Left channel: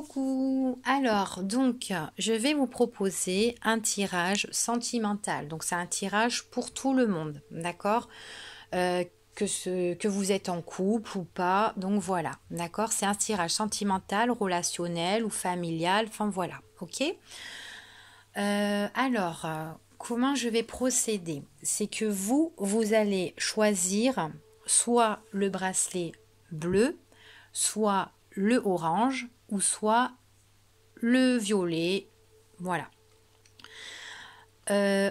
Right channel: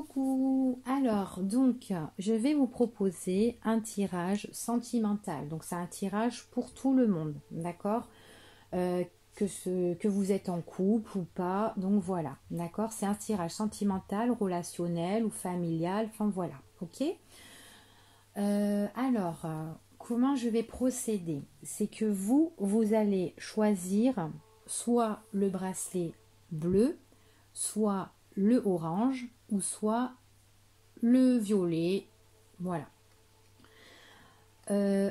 Coucou! Alors, donc, je vais vous proposer un tirage sentimental. Donc, c'est un tirage pour tout le monde, d'accord? Que vous êtes en couple ou pas. Donc, voilà, d'accord? C'est un tirage sentimental, relationnel ou familial. Enfin, voilà, ok? Comment je vais procéder? C'est que vous allez choisir soit le bracelet bleu, soit le orange ou soit le violet. Voilà.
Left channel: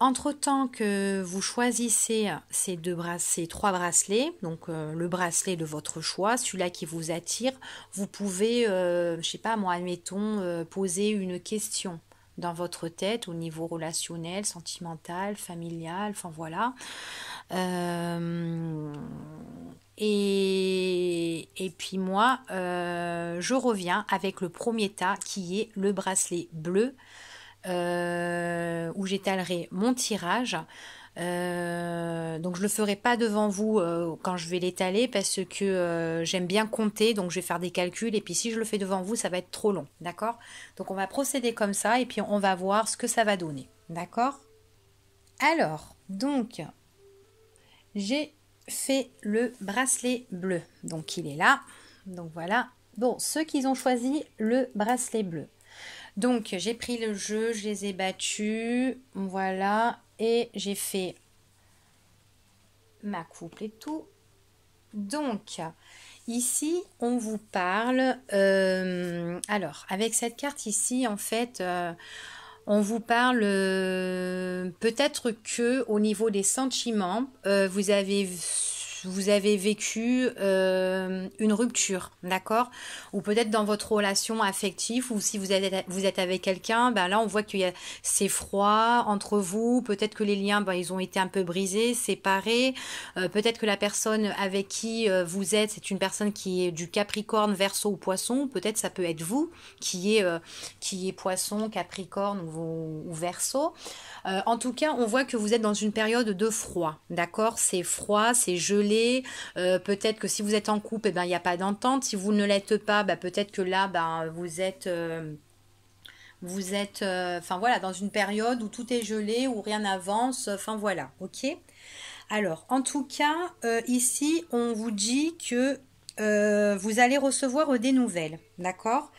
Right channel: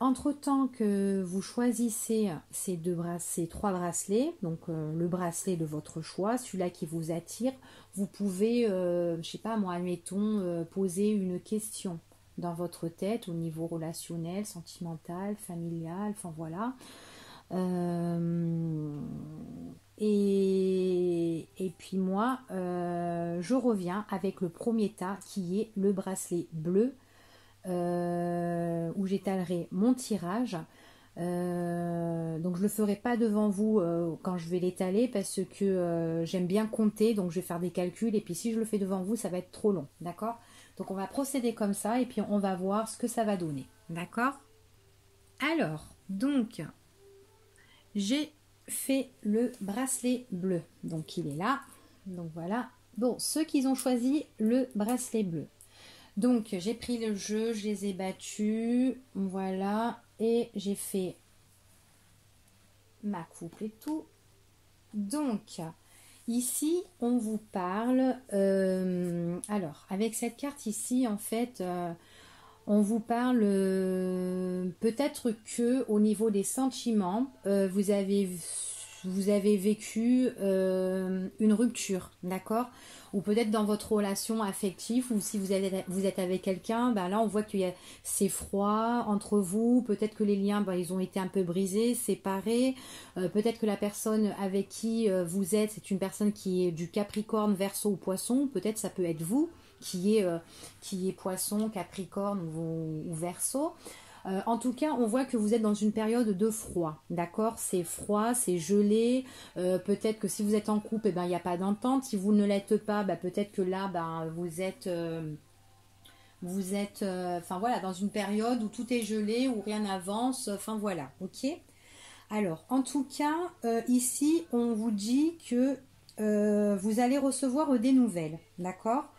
Entre-temps que vous choisissez ces trois bracelets, donc le bracelet de votre choix, celui-là qui vous attire, vous pouvez, je sais pas moi, admettons, poser une question dans votre tête au niveau relationnel, sentimental, familial, enfin voilà. Et puis moi, je reviens avec le premier tas qui est le bracelet bleu où j'étalerai mon tirage. Donc je le ferai pas devant vous quand je vais l'étaler parce que j'aime bien compter, donc je vais faire des calculs et puis si je le fais devant vous ça va être trop long, d'accord? Donc on va procéder comme ça et puis on va voir ce que ça va donner, d'accord? Alors, donc j'ai fait le bracelet bleu, donc il est là, donc voilà. Bon, ceux qui ont choisi le bracelet bleu, donc j'ai pris le jeu, je les ai battus, voilà, et j'ai fait ma couple et tout. Donc ici on vous parle, alors avec cette carte ici en fait, on vous parle peut-être que au niveau des sentiments, vous avez vécu une rupture, d'accord? Ou peut-être dans votre relation affective, ou si vous êtes avec quelqu'un, ben là on voit c'est froid entre vous, peut-être que les liens, ben, ils ont été un peu brisés, séparés, peut-être que la personne avec qui vous êtes, c'est une personne qui est du Capricorne, Verseau ou Poisson, peut-être ça peut être vous qui est Poisson, Capricorne ou Verseau. En tout cas, on voit que vous êtes dans une période de froid, d'accord? C'est froid, c'est gelé. Peut-être que si vous êtes en couple, eh ben, il n'y a pas d'entente. Si vous ne l'êtes pas, ben, peut-être que là, ben, vous êtes enfin voilà, dans une période où tout est gelé, où rien n'avance. Enfin voilà, ok? Alors, en tout cas, ici, on vous dit que vous allez recevoir des nouvelles, d'accord?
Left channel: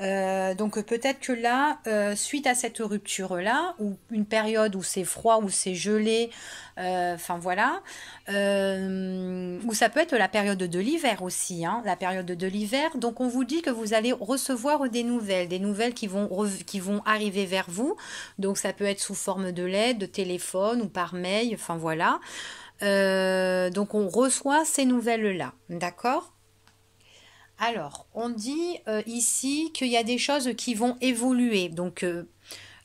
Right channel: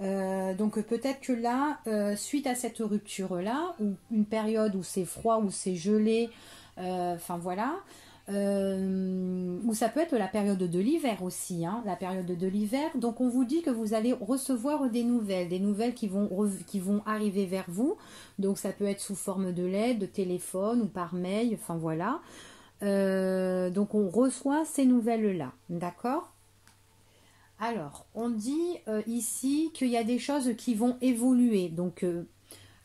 Donc peut-être que là, suite à cette rupture-là, ou une période où c'est froid, où c'est gelé, enfin voilà, ou ça peut être la période de l'hiver aussi, hein, la période de l'hiver. Donc on vous dit que vous allez recevoir des nouvelles qui vont arriver vers vous. Donc ça peut être sous forme de lettre, de téléphone ou par mail, enfin voilà. Donc on reçoit ces nouvelles-là, d'accord? Alors, on dit ici qu'il y a des choses qui vont évoluer, donc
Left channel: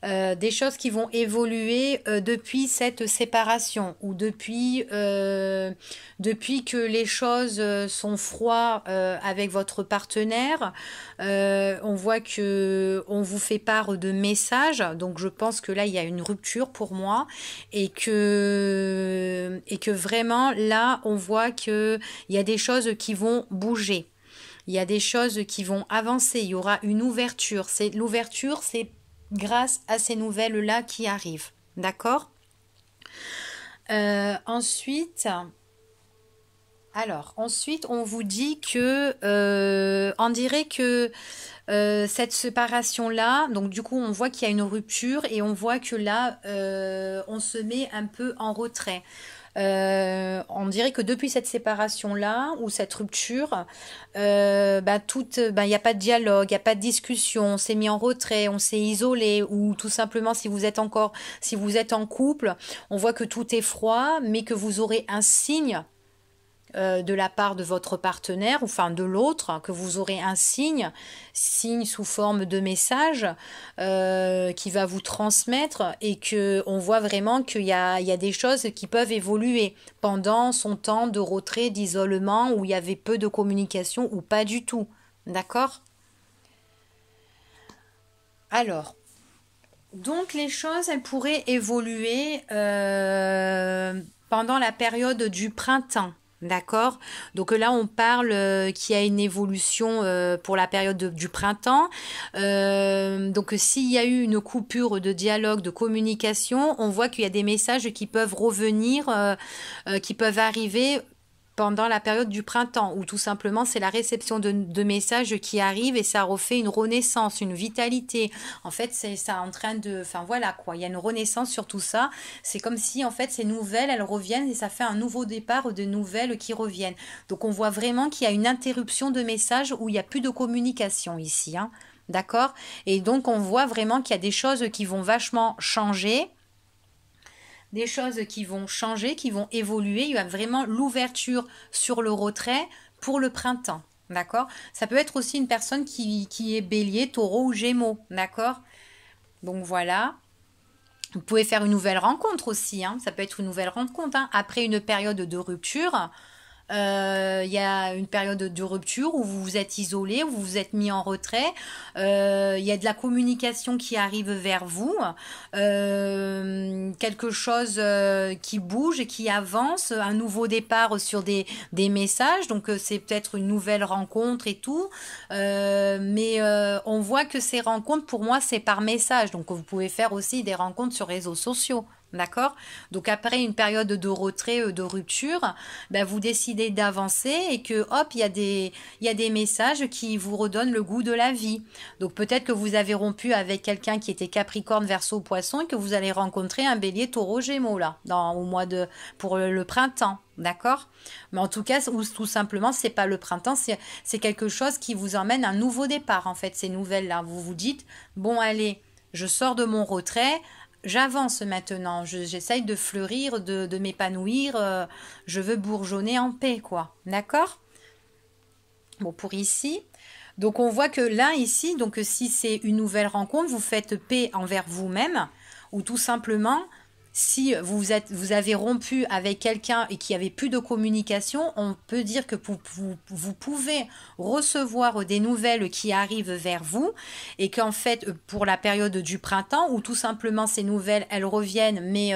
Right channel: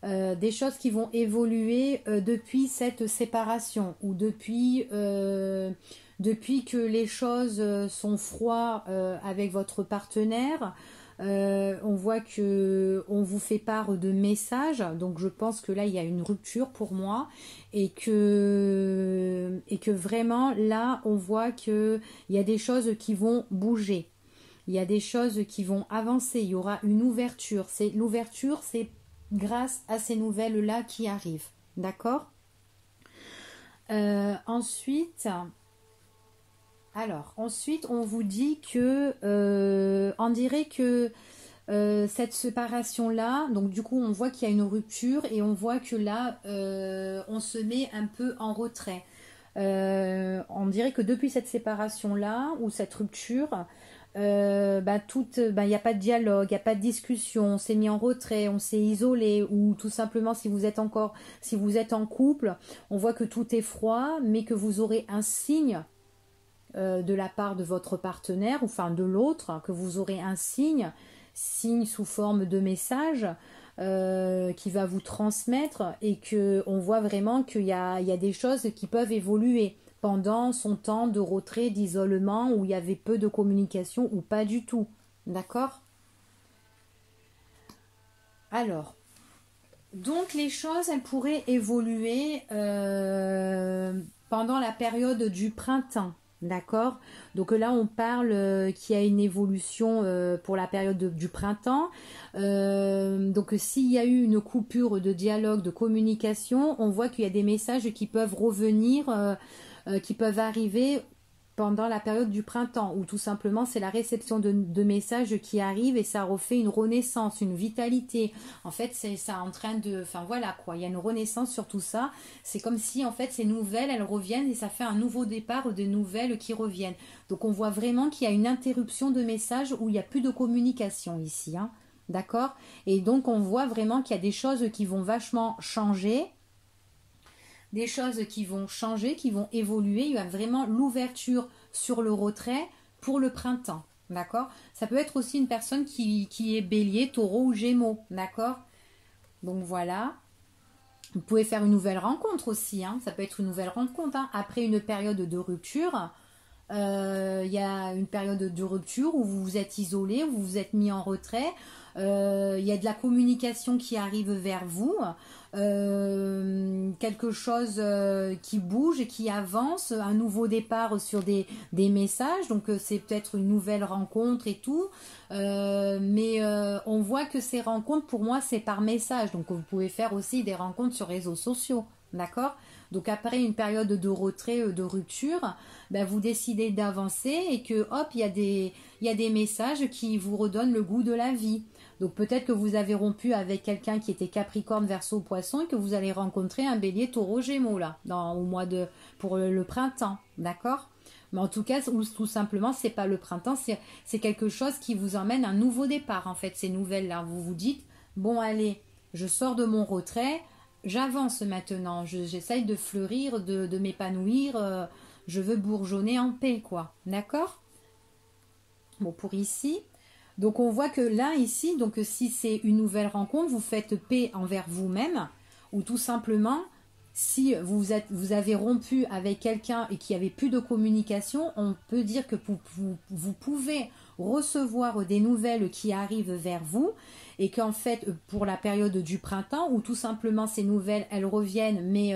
des choses qui vont évoluer depuis cette séparation ou depuis que les choses sont froides avec votre partenaire. On voit que on vous fait part de messages, donc je pense que là il y a une rupture pour moi et que vraiment là on voit que il y a des choses qui vont bouger. Il y a des choses qui vont avancer, il y aura une ouverture. L'ouverture, c'est grâce à ces nouvelles-là qui arrivent. D'accord? Ensuite, on vous dit que, on dirait que cette séparation-là, donc du coup, on voit qu'il y a une rupture et on voit que là, on se met un peu en retrait. On dirait que depuis cette séparation-là ou cette rupture, il n'y a pas de dialogue, il n'y a pas de discussion, on s'est mis en retrait, on s'est isolé ou tout simplement si vous êtes en couple, on voit que tout est froid, mais que vous aurez un signe de la part de votre partenaire, ou enfin de l'autre, que vous aurez un signe sous forme de message qui va vous transmettre et que on voit vraiment qu'il y a des choses qui peuvent évoluer pendant son temps de retrait, d'isolement, où il y avait peu de communication ou pas du tout. D'accord? Alors, donc les choses, elles pourraient évoluer pendant la période du printemps. D'accord? Donc là, on parle qu'il y a une évolution pour la période du printemps. Donc s'il y a eu une coupure de dialogue, de communication, on voit qu'il y a des messages qui peuvent revenir, qui peuvent arriver pendant la période du printemps, où tout simplement c'est la réception de messages qui arrivent et ça refait une renaissance, une vitalité. En fait, c'est ça en train de... Enfin voilà quoi, il y a une renaissance sur tout ça. C'est comme si en fait ces nouvelles, elles reviennent et ça fait un nouveau départ de nouvelles qui reviennent. Donc on voit vraiment qu'il y a une interruption de messages où il n'y a plus de communication ici. Hein. D'accord? Et donc on voit vraiment qu'il y a des choses qui vont vachement changer, des choses qui vont changer, qui vont évoluer. Il y a vraiment l'ouverture sur le retrait pour le printemps. D'accord? Ça peut être aussi une personne qui est bélier, taureau ou gémeaux. D'accord? Donc voilà. Vous pouvez faire une nouvelle rencontre aussi. Hein. Ça peut être une nouvelle rencontre. Hein. Après une période de rupture, il y a une période de rupture où vous vous êtes isolé, où vous vous êtes mis en retrait. Il y a de la communication qui arrive vers vous, quelque chose qui bouge et qui avance, un nouveau départ sur des messages. Donc c'est peut-être une nouvelle rencontre et tout. Mais on voit que ces rencontres, pour moi, c'est par message. Donc vous pouvez faire aussi des rencontres sur réseaux sociaux. D'accord? Donc après une période de retrait, de rupture, ben vous décidez d'avancer et que hop, il y a des messages qui vous redonnent le goût de la vie. Donc peut-être que vous avez rompu avec quelqu'un qui était Capricorne, Verseau, Poisson et que vous allez rencontrer un Bélier, Taureau, Gémeaux là, au mois de pour le printemps. D'accord? Mais en tout cas, ou tout simplement, c'est pas le printemps, c'est quelque chose qui vous emmène à un nouveau départ en fait, ces nouvelles-là. Vous vous dites, bon allez, je sors de mon retrait. J'avance maintenant, j'essaye de fleurir, de m'épanouir, je veux bourgeonner en paix, quoi. D'accord? Bon, pour ici. Donc, on voit que là, ici, donc si c'est une nouvelle rencontre, vous faites paix envers vous-même, ou tout simplement, si vous avez rompu avec quelqu'un et qu'il n'y avait plus de communication, on peut dire que vous pouvez recevoir des nouvelles qui arrivent vers vous et qu'en fait, pour la période du printemps, où tout simplement ces nouvelles, elles reviennent, mais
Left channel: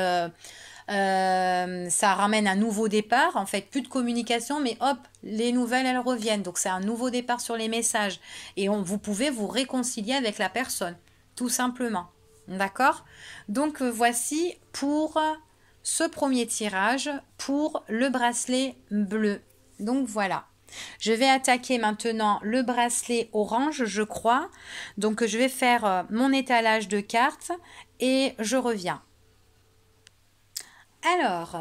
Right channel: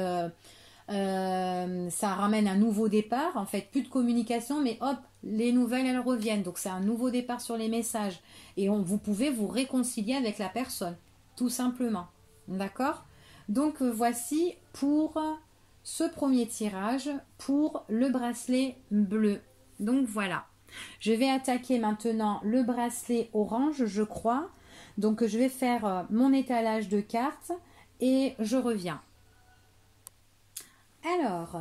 ça ramène un nouveau départ. En fait, plus de communication, mais hop, les nouvelles, elles reviennent. Donc, c'est un nouveau départ sur les messages. Et vous pouvez vous réconcilier avec la personne, tout simplement. D'accord? Donc voici pour ce premier tirage pour le bracelet bleu. Donc voilà. Je vais attaquer maintenant le bracelet orange, je crois. Donc je vais faire mon étalage de cartes et je reviens. Alors,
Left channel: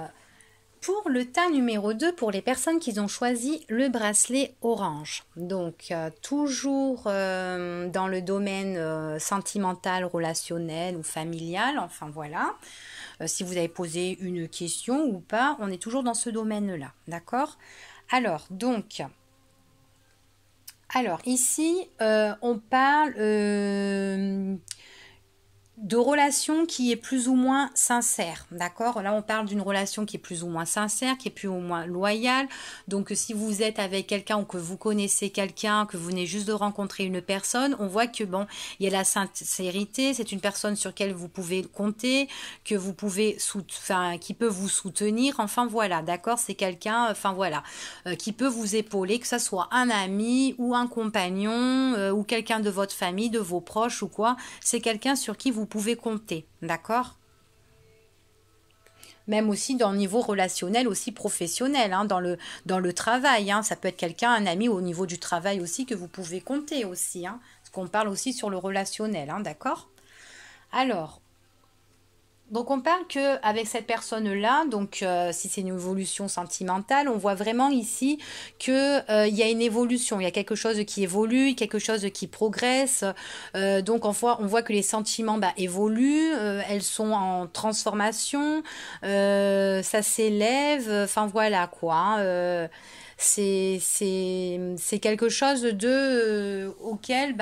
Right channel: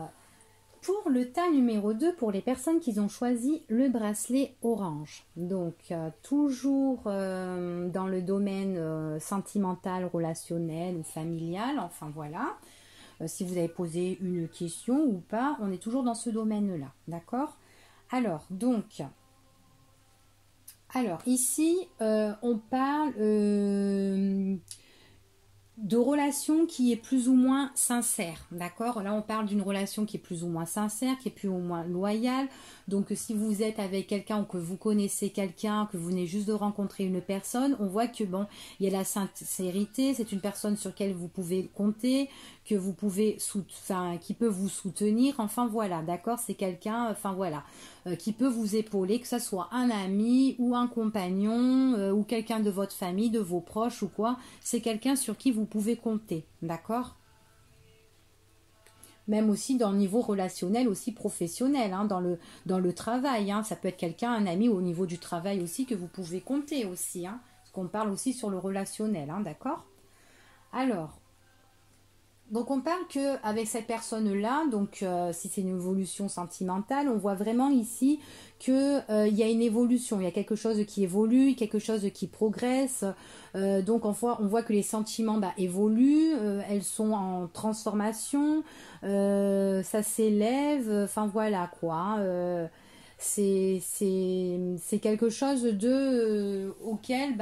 pour le tas numéro 2, pour les personnes qui ont choisi le bracelet orange. Donc, toujours dans le domaine sentimental, relationnel ou familial, enfin voilà. Si vous avez posé une question ou pas, on est toujours dans ce domaine-là, d'accord? Alors, donc, ici, on parle de relation qui est plus ou moins sincère, d'accord? Là, on parle d'une relation qui est plus ou moins sincère, qui est plus ou moins loyale. Donc, si vous êtes avec quelqu'un ou que vous connaissez quelqu'un, que vous venez juste de rencontrer une personne, on voit que, bon, il y a la sincérité, c'est une personne sur laquelle vous pouvez compter, que vous pouvez, qui peut vous soutenir, enfin, voilà, d'accord? C'est quelqu'un, enfin, voilà, qui peut vous épauler, que ce soit un ami ou un compagnon ou quelqu'un de votre famille, de vos proches ou quoi. C'est quelqu'un sur qui vous pouvez compter, d'accord? Même aussi dans le niveau relationnel, aussi professionnel, hein, dans le travail, hein, ça peut être quelqu'un, un ami au niveau du travail aussi que vous pouvez compter aussi, hein, parce qu'on parle aussi sur le relationnel, hein, d'accord? Alors, donc on parle que avec cette personne-là, donc si c'est une évolution sentimentale, on voit vraiment ici que il y a une évolution, il y a quelque chose qui évolue, quelque chose qui progresse. Donc on voit que les sentiments évoluent, elles sont en transformation, ça s'élève, enfin voilà quoi. Hein, c'est quelque chose auquel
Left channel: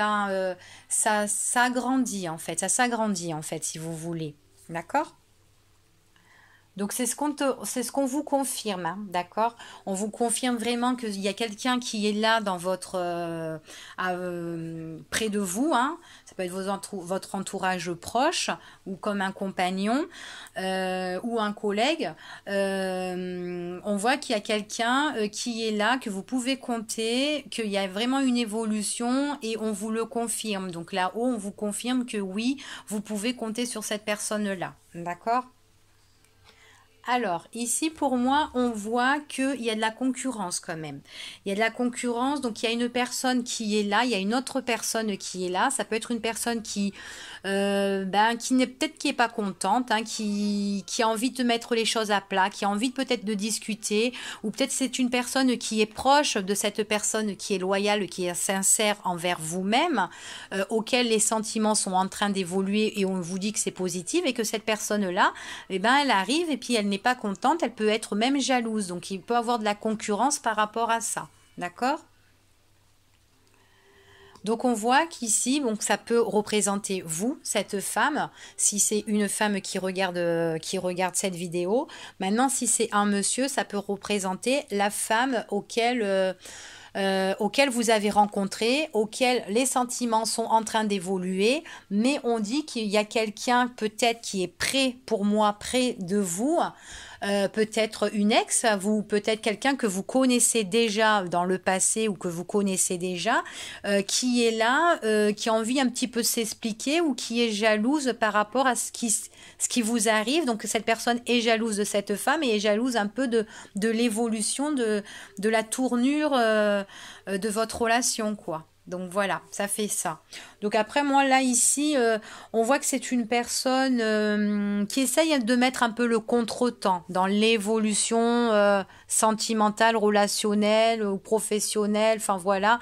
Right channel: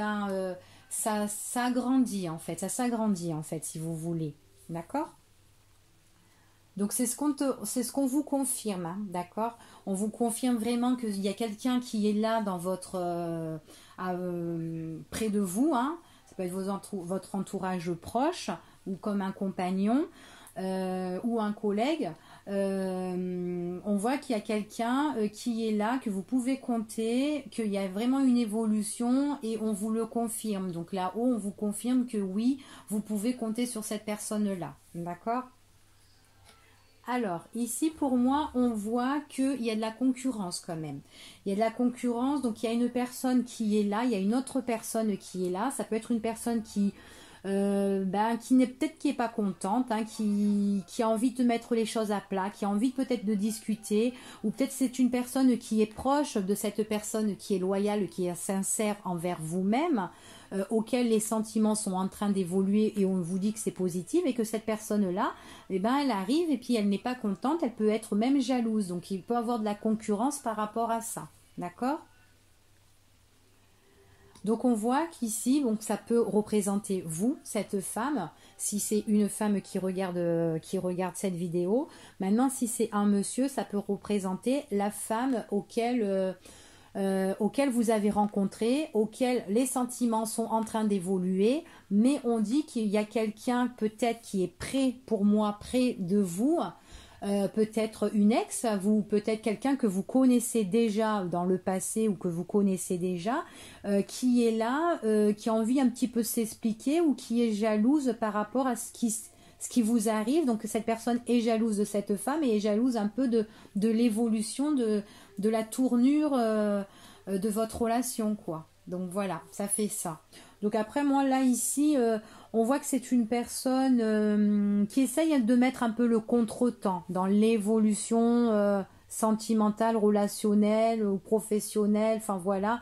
ça s'agrandit en fait, ça s'agrandit en fait si vous voulez. D'accord? Donc c'est ce qu'on vous confirme, hein, d'accord? On vous confirme vraiment qu'il y a quelqu'un qui est là dans votre près de vous, hein. peut être votre entourage proche ou comme un compagnon ou un collègue. On voit qu'il y a quelqu'un qui est là, que vous pouvez compter, qu'il y a vraiment une évolution et on vous le confirme. Donc là-haut, on vous confirme que oui, vous pouvez compter sur cette personne-là. D'accord ? Alors, ici, pour moi, on voit qu'il y a de la concurrence quand même. Il y a de la concurrence, donc il y a une personne qui est là, il y a une autre personne qui est là. Ça peut être une personne qui n'est peut-être qui est pas contente, hein, qui a envie de mettre les choses à plat, qui a envie peut-être de discuter, ou peut-être c'est une personne qui est proche de cette personne qui est loyale, qui est sincère envers vous-même, auquel les sentiments sont en train d'évoluer et on vous dit que c'est positif et que cette personne-là, eh ben, elle arrive et puis elle n'est pas contente, elle peut être même jalouse. Donc il peut avoir de la concurrence par rapport à ça. D'accord ? Donc on voit qu'ici, donc ça peut représenter vous, cette femme, si c'est une femme qui regarde cette vidéo. Maintenant, si c'est un monsieur, ça peut représenter la femme auquel vous avez rencontré, auquel les sentiments sont en train d'évoluer, mais on dit qu'il y a quelqu'un peut-être qui est près pour moi, près de vous. Peut-être une ex, vous peut-être quelqu'un que vous connaissez déjà dans le passé ou que vous connaissez déjà, qui est là, qui a envie un petit peu s'expliquer ou qui est jalouse par rapport à ce qui vous arrive. Donc cette personne est jalouse de cette femme et est jalouse un peu de l'évolution, de la tournure de votre relation, quoi. Donc voilà, ça fait ça. Donc après, moi, là, ici, on voit que c'est une personne qui essaye de mettre un peu le contretemps dans l'évolution sentimentale, relationnelle ou professionnelle, enfin voilà,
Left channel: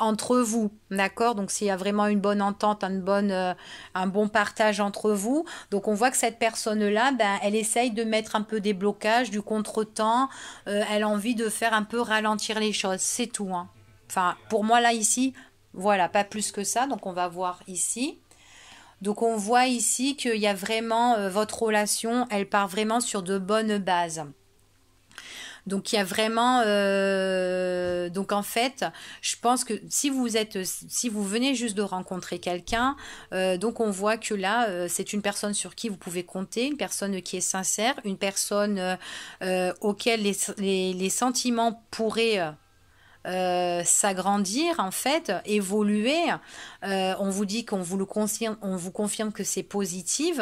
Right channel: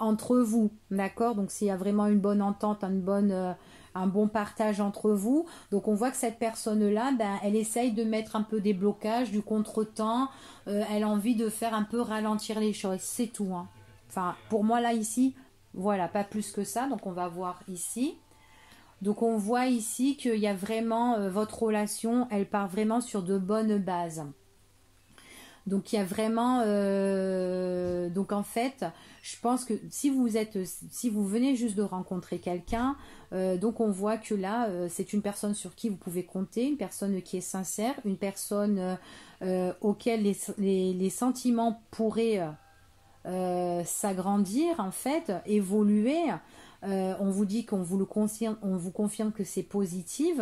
entre vous, d'accord? Donc s'il y a vraiment une bonne entente, un bon partage entre vous, donc on voit que cette personne-là, ben, elle essaye de mettre un peu des blocages, du contretemps, elle a envie de faire un peu ralentir les choses, c'est tout, hein. Enfin, pour moi, là, ici, voilà, pas plus que ça. Donc, on va voir ici. Donc, on voit ici qu'il y a vraiment, votre relation, elle part vraiment sur de bonnes bases. Donc, il y a vraiment... donc, en fait, je pense que si vous venez juste de rencontrer quelqu'un, donc on voit que là, c'est une personne sur qui vous pouvez compter, une personne qui est sincère, une personne auquel les sentiments pourraient... s'agrandir en fait, évoluer. On vous dit qu'on vous le confirme, on vous confirme que c'est positif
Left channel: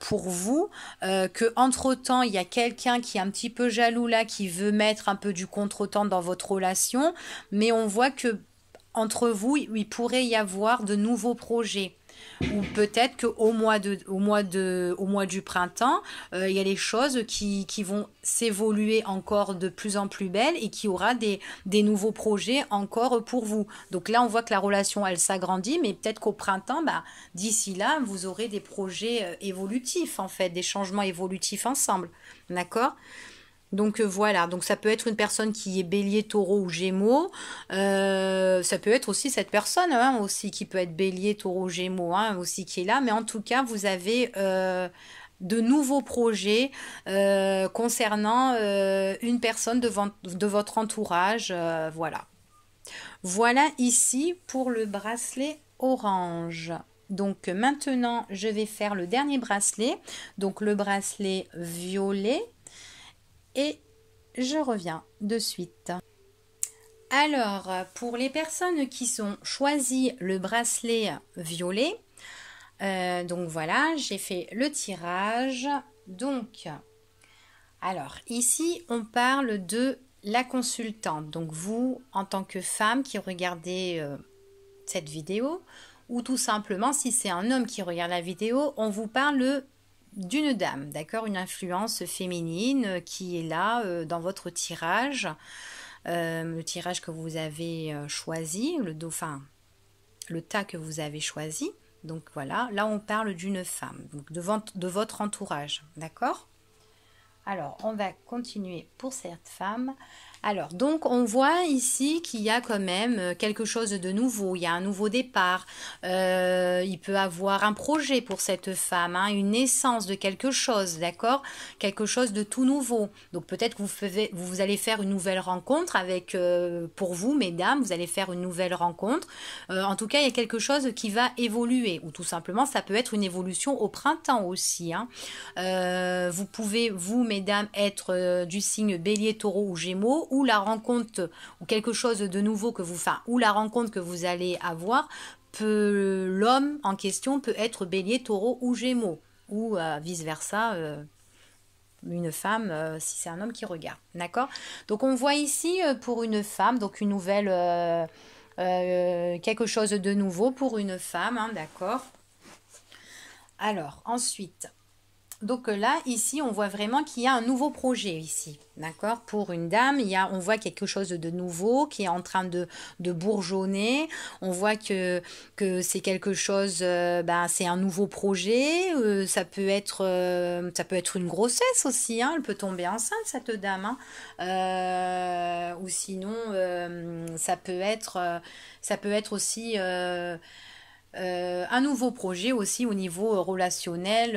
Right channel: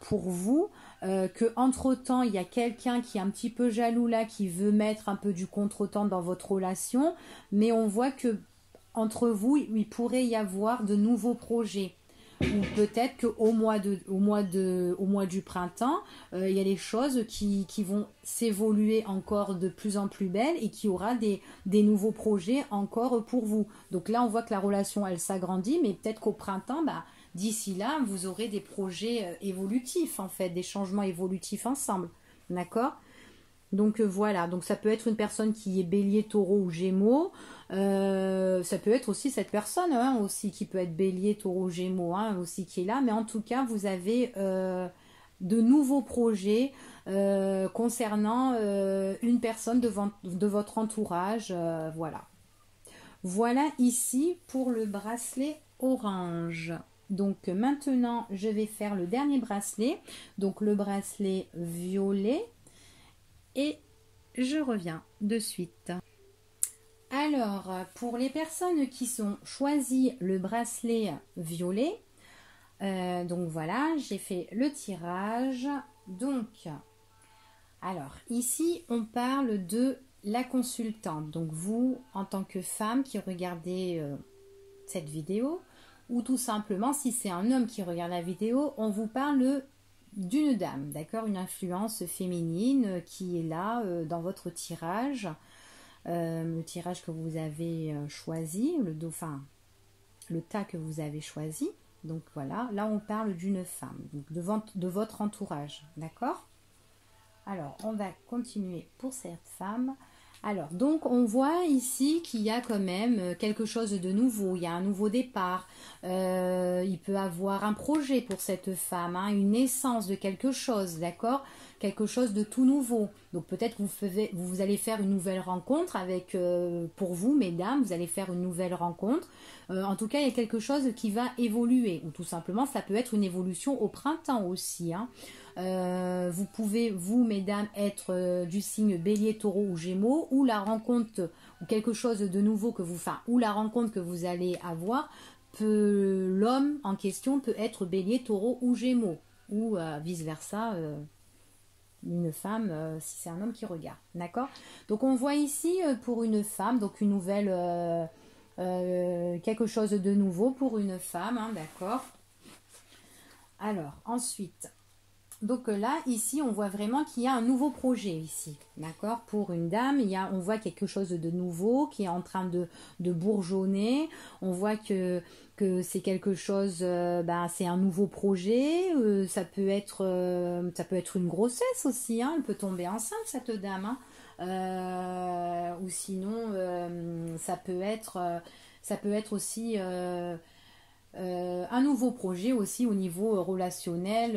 pour vous, que entre temps il y a quelqu'un qui est un petit peu jaloux là, qui veut mettre un peu du contretemps dans votre relation, mais on voit que entre vous il pourrait y avoir de nouveaux projets. Ou peut-être qu'au mois du printemps, il y a des choses qui vont s'évoluer encore de plus en plus belles et qu'il y aura des nouveaux projets encore pour vous. Donc là, on voit que la relation, elle s'agrandit, mais peut-être qu'au printemps, bah, d'ici là, vous aurez des projets évolutifs, en fait, des changements évolutifs ensemble. D'accord ? Donc voilà, donc ça peut être une personne qui est bélier, taureau ou gémeaux. Ça peut être aussi cette personne hein, aussi qui peut être bélier, taureau, gémeaux hein, aussi qui est là. Mais en tout cas, vous avez de nouveaux projets concernant une personne de votre entourage. Voilà. Voilà ici pour le bracelet orange. Donc maintenant, je vais faire le dernier bracelet. Donc le bracelet violet. Et je reviens de suite. Alors, pour les personnes qui sont choisies le bracelet violet, donc voilà, j'ai fait le tirage. Donc, alors ici, on parle de la consultante. Donc vous, en tant que femme qui regardez cette vidéo, ou tout simplement, si c'est un homme qui regarde la vidéo, on vous parle d'une dame, d'accord, une influence féminine qui est là dans votre tirage, le tirage que vous avez choisi, le dauphin, le tas que vous avez choisi. Donc voilà, là on parle d'une femme, donc de votre entourage, d'accord. Alors on va continuer pour cette femme. Alors, donc on voit ici qu'il y a quand même quelque chose de nouveau, il y a un nouveau départ. Il peut avoir un projet pour cette femme, hein, une naissance de quelque chose, d'accord? Quelque chose de tout nouveau. Donc peut-être que vous allez faire une nouvelle rencontre avec, pour vous mesdames, vous allez faire une nouvelle rencontre. En tout cas, il y a quelque chose qui va évoluer, ou tout simplement ça peut être une évolution au printemps aussi, hein. Vous pouvez, vous mesdames, être du signe bélier, taureau ou gémeaux, ou la rencontre, ou quelque chose de nouveau que vous, enfin, ou la rencontre que vous allez avoir, l'homme en question peut être bélier, taureau ou gémeaux, ou vice versa, une femme si c'est un homme qui regarde, d'accord. Donc on voit ici pour une femme, donc une nouvelle, quelque chose de nouveau pour une femme, hein, d'accord. Alors ensuite, donc là, ici, on voit vraiment qu'il y a un nouveau projet ici, d'accord? Pour une dame, on voit quelque chose de nouveau qui est en train de bourgeonner. On voit que c'est quelque chose, c'est un nouveau projet. Ça peut être une grossesse aussi, hein. Elle peut tomber enceinte, cette dame, hein. Ou sinon, ça peut être aussi un nouveau projet aussi au niveau relationnel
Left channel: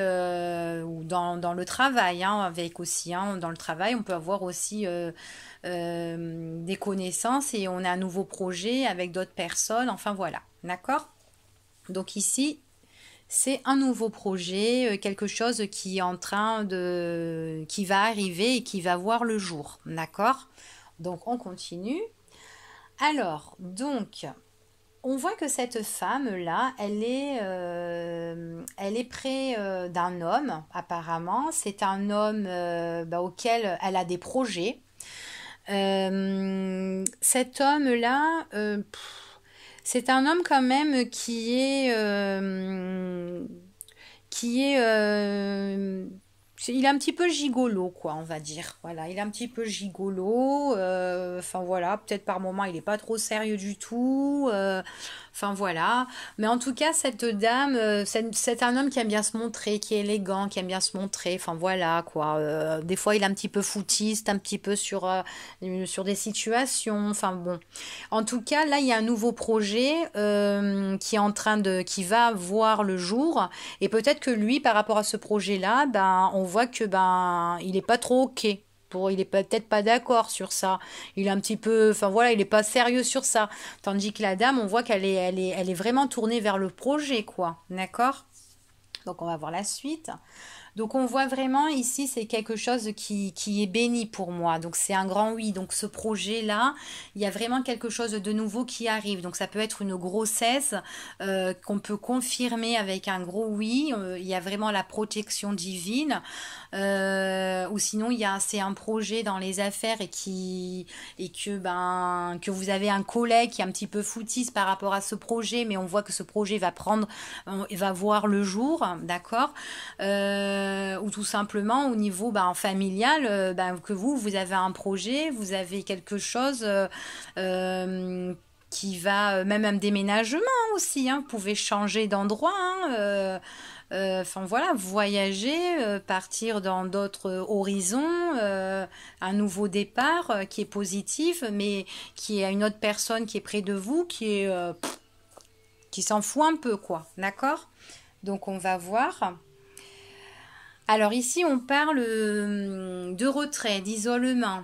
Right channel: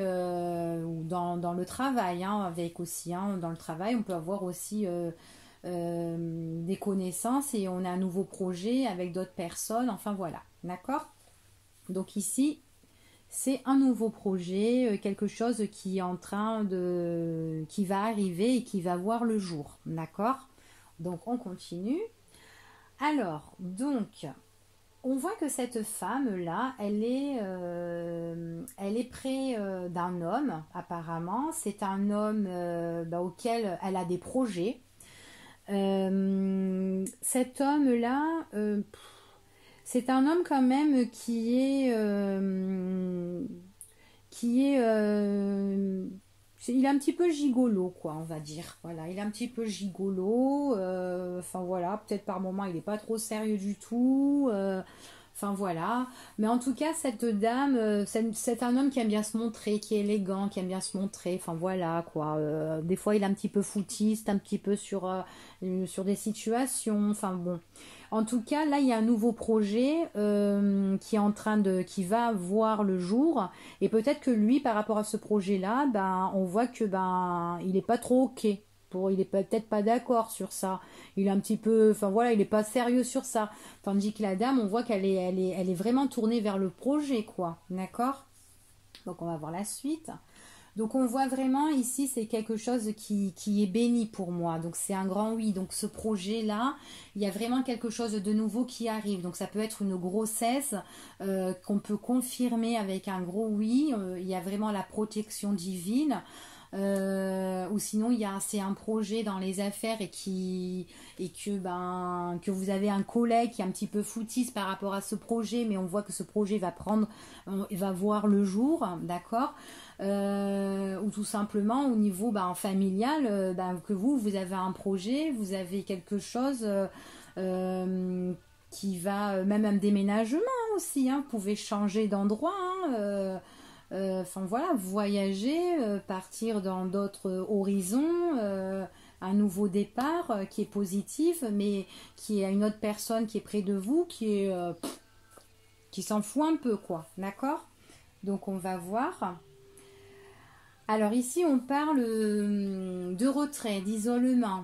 ou dans le travail, hein, avec aussi, hein, dans le travail on peut avoir aussi des connaissances et on a un nouveau projet avec d'autres personnes, enfin voilà, d'accord. Donc ici c'est un nouveau projet, quelque chose qui est en train qui va arriver et qui va voir le jour, d'accord. Donc on continue. Alors donc on voit que cette femme-là, elle est près d'un homme, apparemment. C'est un homme auquel elle a des projets. Cet homme-là, c'est un homme quand même qui est il est un petit peu gigolo, quoi, on va dire. Voilà, il est un petit peu gigolo. Enfin voilà, peut-être par moment il n'est pas trop sérieux du tout. Enfin voilà. Mais en tout cas, cette dame, c'est un homme qui aime bien se montrer, qui est élégant, qui aime bien se montrer. Enfin voilà, quoi. Des fois, il est un petit peu foutiste, un petit peu sur des situations. Enfin bon. En tout cas, là, il y a un nouveau projet qui est qui va voir le jour. Et peut-être que lui, par rapport à ce projet-là, on voit que il est pas trop ok. Il est peut-être pas d'accord sur ça. Il est un petit peu, enfin voilà, il est pas sérieux sur ça. Tandis que la dame, on voit elle est vraiment tournée vers le projet, quoi. D'accord? Donc on va voir la suite. Donc on voit vraiment ici, c'est quelque chose qui est béni pour moi. Donc c'est un grand oui. Donc ce projet-là, il y a vraiment quelque chose de nouveau qui arrive. Donc ça peut être une grossesse qu'on peut confirmer avec un gros oui. Il y a vraiment la protection divine. Ou sinon c'est un projet dans les affaires et que vous avez un collègue qui est un petit peu foutiste par rapport à ce projet, mais on voit que ce projet va voir le jour, d'accord. Ou tout simplement au niveau familial, que vous avez un projet, vous avez quelque chose qui va, même un déménagement aussi, hein, vous pouvez changer d'endroit, hein, enfin voilà, voyager, partir dans d'autres horizons, un nouveau départ qui est positif, mais qui a une autre personne qui est près de vous, qui s'en fout un peu, quoi, d'accord. Donc on va voir. Alors ici, on parle de retrait, d'isolement.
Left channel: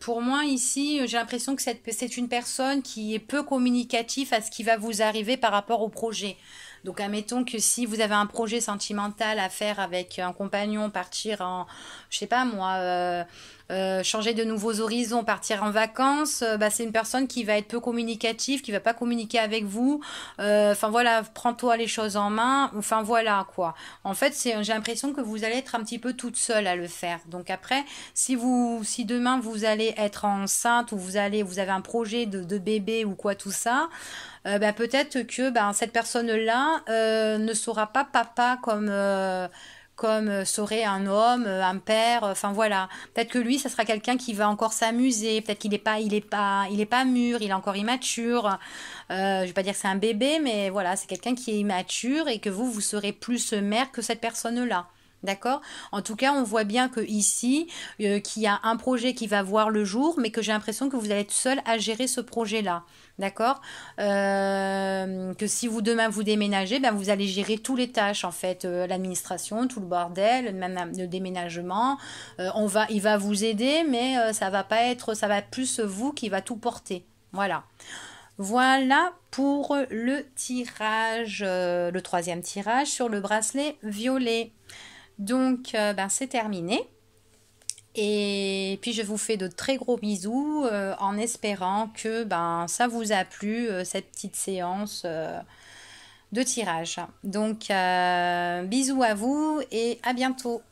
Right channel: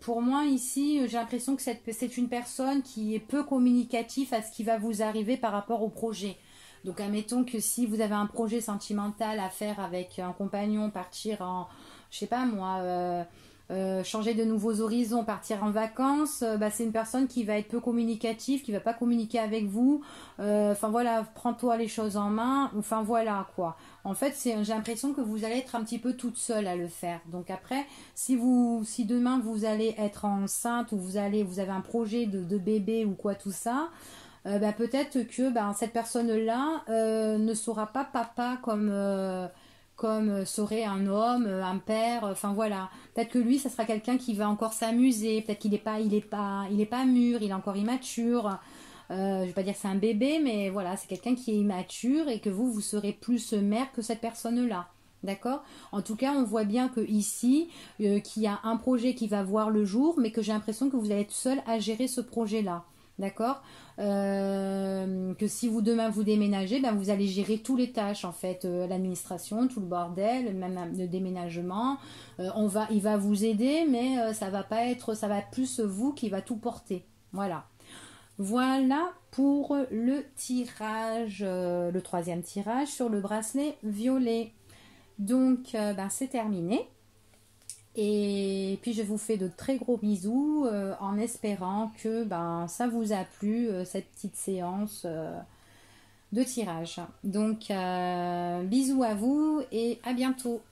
Pour moi, ici, j'ai l'impression que c'est une personne qui est peu communicative à ce qui va vous arriver par rapport au projet. Donc, admettons que si vous avez un projet sentimental à faire avec un compagnon, partir en, je sais pas moi, changer de nouveaux horizons, partir en vacances, c'est une personne qui va être peu communicative, qui va pas communiquer avec vous. Enfin voilà, prends-toi les choses en main. Enfin voilà quoi. En fait, j'ai l'impression que vous allez être un petit peu toute seule à le faire. Donc après, si demain vous allez être enceinte ou vous avez un projet de bébé ou quoi tout ça. Peut-être que cette personne-là ne sera pas papa comme serait un homme, un père, enfin voilà. Peut-être que lui, ça sera quelqu'un qui va encore s'amuser. Peut-être qu'il est pas mûr, il est encore immature. Je vais pas dire que c'est un bébé, mais voilà, c'est quelqu'un qui est immature et que vous serez plus mère que cette personne-là. D'accord? En tout cas, on voit bien que ici, qu'il y a un projet qui va voir le jour, mais que j'ai l'impression que vous allez être seul à gérer ce projet-là. D'accord? Que si vous demain vous déménagez, ben vous allez gérer tous les tâches en fait, l'administration, tout le bordel, même le déménagement. Il va vous aider, mais ça va pas être, ça va être plus vous qui va tout porter. Voilà. Voilà pour le tirage, le troisième tirage sur le bracelet violet. Donc, ben, c'est terminé. Et puis, je vous fais de très gros bisous en espérant que ben, ça vous a plu, cette petite séance de tirage. Donc, bisous à vous et à bientôt.